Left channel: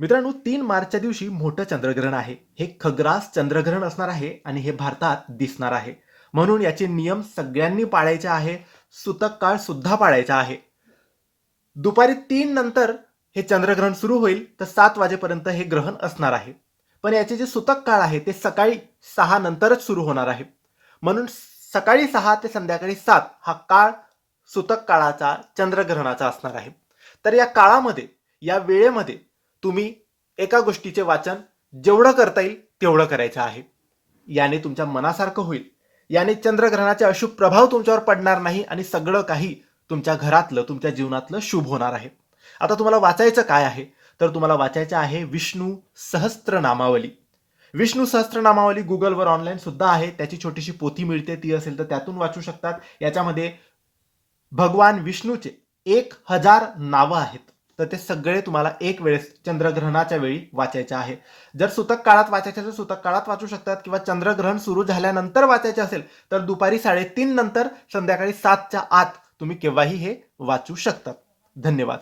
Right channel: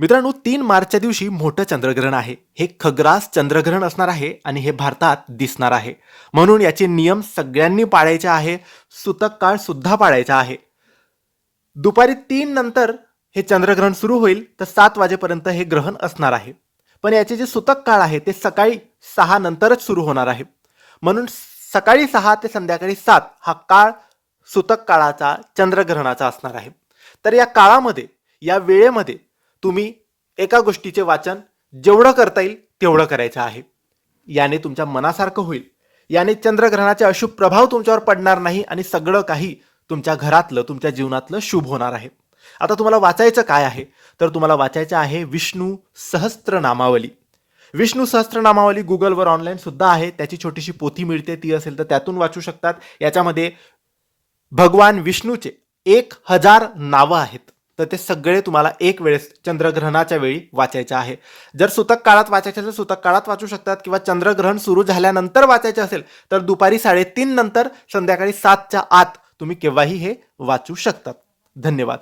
मित्रांनो, 3 मार्चच्या दिवशी मोठं चंद्रग्रहण आहे. हे खग्रास चंद्रग्रहण असणार आहे आणि हे भारतात दिसणार आहे. म्हणून याचे नियम सगळ्यांनी पाळायचे आहे. सूतक काळ सुद्धा पाळायचा आहे. दुपारी 3 नंतर हे चंद्रग्रहण सुरू होईल, तर 7 वाजेपर्यंत हे ग्रहण असणार आहे. पण याचे जे सूतक काळ आहे ते सकाळी 6 नंतरच सुरू होणार आहे. म्हणून सकाळी 6 ते संध्याकाळी 7 हा काळ सूतक काळाचा चंद्रग्रहणाचा असणार आहे. तर या काळामध्ये, या वेळेमध्ये तुम्ही एका गोष्टीचे वाचन जेवढं करता येईल तेवढं करायचं आहे. याने तुमच्या मनासारखं होईल. याने चंद्रग्रहणाचे अशुभ प्रभाव तुमच्यावर पडणार नाही आणि सगळं काही तुमच्या घरातलं, तुमच्या जीवनातलं शुभ होणार आहे. आता तुम्हाला वाचायचं काय आहे? तर तुम्हाला वाचायचं आहे विष्णू सहस्त्रनामावली. विष्णू सहस्त्रनामावली गुगलवर ऑनलाईन सुद्धा आहे. त्याची छोटीशी पोथी मिळते, ती असेल तर त्यातून वाचू शकतात. याच्यामध्ये भगवान विष्णूचे 1000 नावं आहेत. तर ते सगळे तुम्हाला एक वेळेस चंद्रग्रहणाच्या वेळी वाचायचे आहे. जर सूतक काळात वाचायचे असेल सूतक काळात वाचू शकतात, किंवा चंद्रग्रहण सुरू झाल्यानंतर वाचायचे असेल तर दुपारी 3:30 नंतर संध्याकाळी 7च्या आत तुम्ही केव्हाही हे वाचू शकतात. धन्यवाद.